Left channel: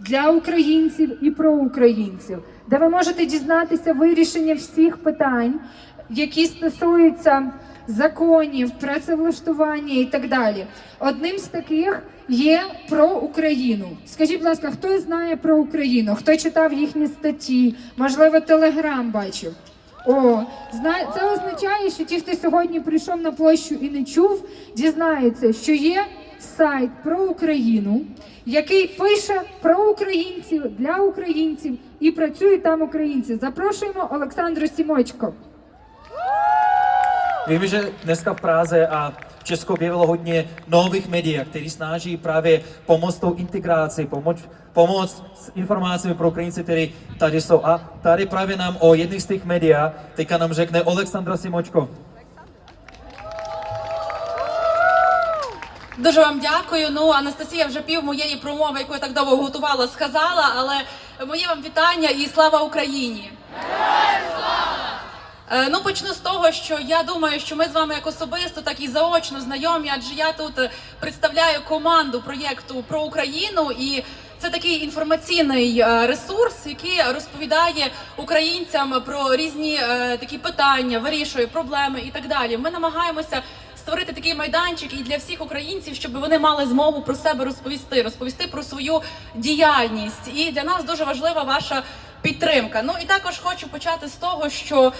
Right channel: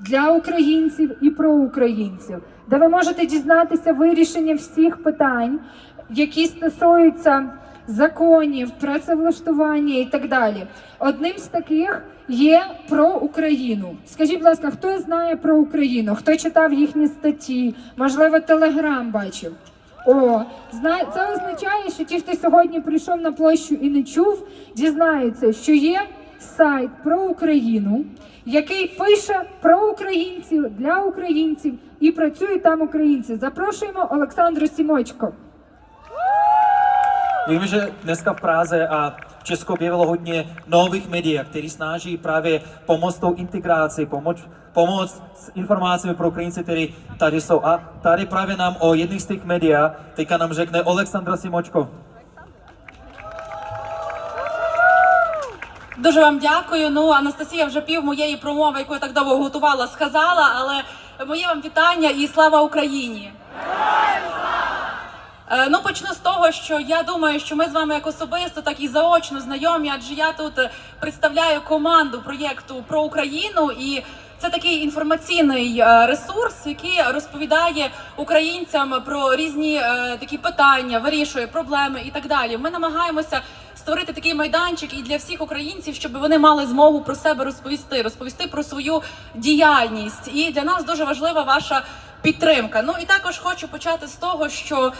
для українців і про українців, де ви можете дізнатися вирішення всіх питань, які стосуються законів, працевлаштування і так далі. Одним з таких є про Україну. Скажіть, будь ласка, хто знає про Україну? Хто читав їхні статті? Можливо, телеграм бачив. О, це означає, що ті, хто сьогодні прийшов на площу і не чув, дізнаються, що є сайт про Україну, який пише про українців для українців і працюють там українці. Запрошуємо Олександру Сімочко. Víme, že dneska v Praze a v Česku objevilo hodně nových médií, který snaží právě pomoct tou integraci, pomoct, pomoct s informacemi pro Ukrajince, kteří tady jsou. A tady právě nám o jedných z těch médií teďka nám řekne Oleksandra Simočko. Дуже вам дякую. Ну, Анастасія вже пів моєї промови, яку я так довго готувала, сказала, але моє вам вітання і слава Україні! Е, Ну, почну з того, що я думаю, що ми з вами як особисто, так і заочно знайомі, адже я тут е, представляю команду проєкту про Україну і. Це такий інформаційний е, ресурс, який розповідає українцям про різні такі питання, вирішує проблеми і так далі. Ми намагаємося створити такий майданчик і для всіх українців, щоб вони мали змогу про себе розповісти, розповісти про свою діяльність. І для нас дуже важлива ваша підтримка. Ну і також хочу почати з того, що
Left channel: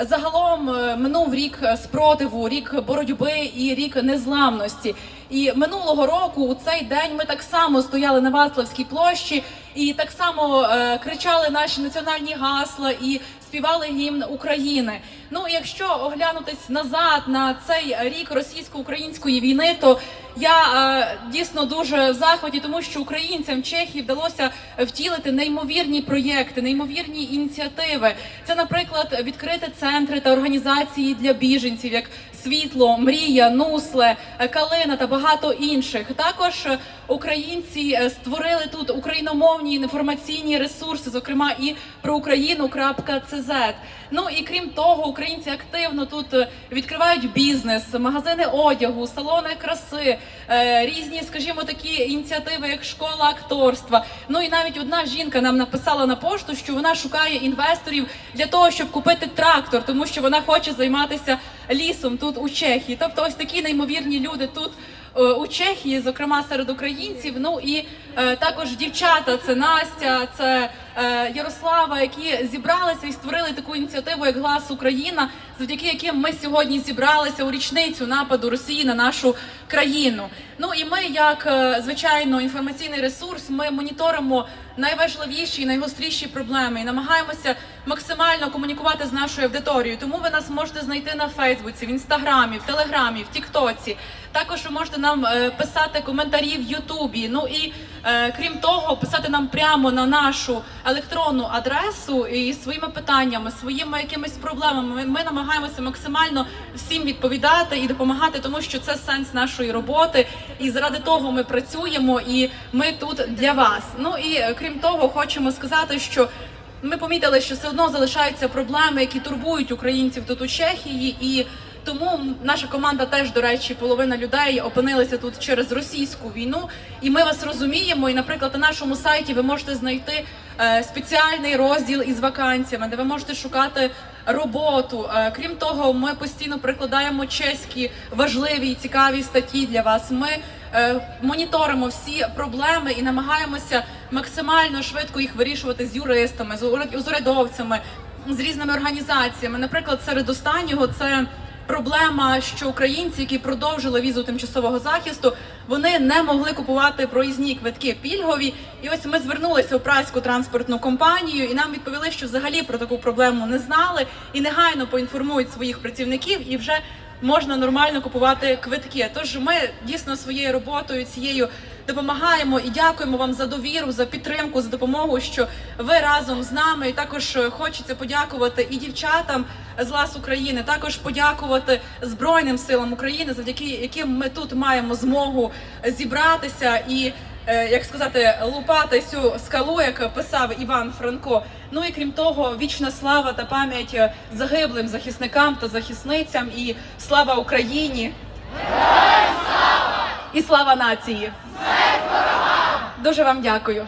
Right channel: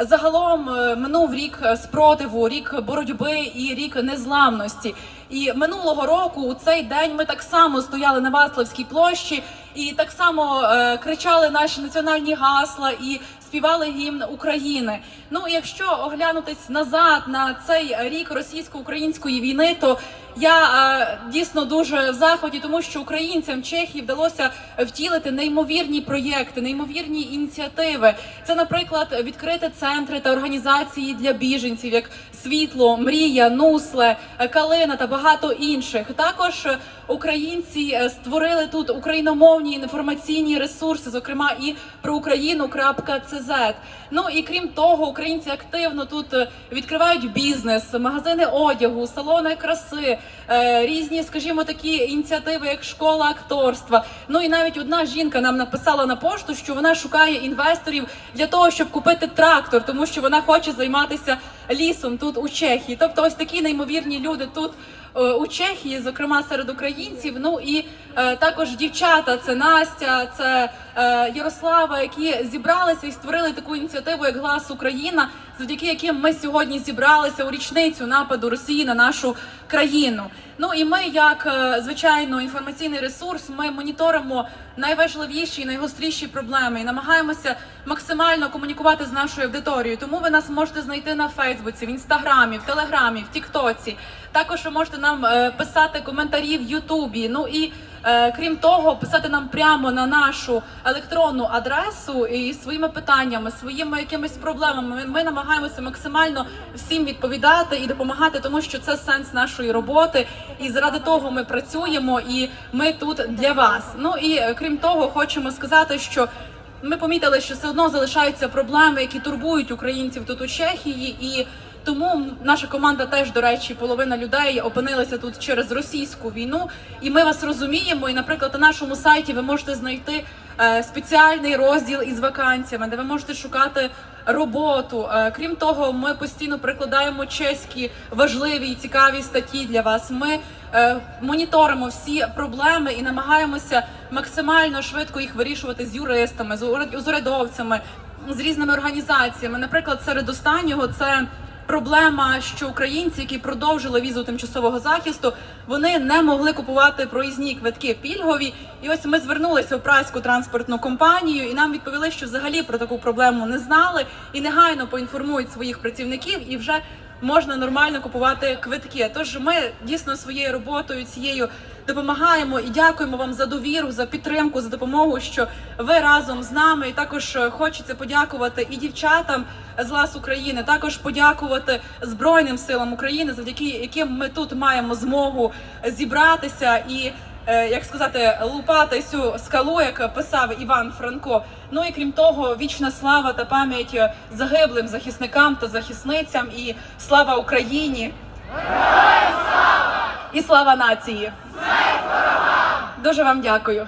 загалом е, минув рік спротиву, рік боротьби і рік незламності. І минулого року у цей день ми так само стояли на Ваславській площі і так само е, кричали наші національні гасла і співали гімн України. Ну якщо оглянутись назад на цей рік російсько-української війни, то я е, дійсно дуже в захваті, тому що українцям Чехії вдалося втілити неймовірні проєкти, неймовірні ініціативи. Це, наприклад, відкрити центри та організації для біженців, як світло, мрія, нусле, е, калина та багато інших. Також українці е, створили тут україномовні інформаційні ресурси, зокрема і про Україну.цз. Ну і крім того, українці активно тут е, відкривають бізнес, магазини одягу, салони краси, різні, скажімо, такі ініціативи, як школа акторства. Ну і навіть одна жінка нам написала на пошту, що вона шукає інвесторів для того, щоб купити трактор, тому що вона хоче займатися лісом тут у Чехії. Тобто, ось такі неймовірні люди тут. е, У Чехії, зокрема серед українців, ну і також дівчата, це Настя, це е, Ярослава, які зібралися і створили таку ініціативу, як Глас Україна, завдяки яким ми сьогодні зібралися у річницю нападу Росії на нашу країну. Ну і ми, як е, звичайно, інформаційний ресурс, ми моніторимо найважливіші і найгостріші проблеми і намагаємося максимально комунікувати з нашою аудиторією. Тому ви нас можете знайти на Фейсбуці, в інстаграмі, в Телеграмі, в Тіктоці. Також ви можете нам е, писати коментарі в Ютубі. Ну і е, крім того, писати нам прямо на нашу електронну адресу і своїми питаннями, своїми якимись проблемами. Ми, ми намагаємося максимально всім відповідати і допомагати, тому що це сенс нашої роботи. І заради того ми працюємо, і ми тут для вас. Ну і е, крім того, хочемо сказати, що. Ми помітили, що все одно залишаються проблеми, які турбують українців тут у Чехії, і тому наша команда теж, до речі, половина людей опинилися тут через російську війну. І ми вас розуміємо. І, наприклад, на нашому сайті ви можете знайти е, спеціальний розділ із вакансіями, де ви можете шукати роботу. Е, крім того, ми постійно прикладаємо чеські важливі і цікаві статті для вас. Ми е, моніторимо всі проблеми і намагаємося максимально швидко їх вирішувати з юристами, з ур- з урядовцями, з різними організаціями. Наприклад, серед останнього це. Проблема, що українці, які продовжили візу тимчасового захисту, вони не могли купувати проїзні квитки пільгові. І ось ми звернулися у праську транспортну компанію, і нам відповіли, що взагалі про таку проблему не знали і негайно поінформують своїх працівників і вже можна нормально купувати квитки. Тож ми дійсно своєю роботою цією допомагаємо і дякуємо вам за довіру, за підтримку, за допомогу, що ви разом з нами. І також е, хочеться подякувати і дівчатам з Лас України, також подякувати Збройним силам України, завдяки яким ми тут маємо змогу зібратися і. Е, Як сказати, лупати цю скалу, як писав Іван Франко. Ну і крім того, вічна слава та пам'ять загиблим захисникам та захисницям, і слава Україні! І слава нації! Дуже вам дякую.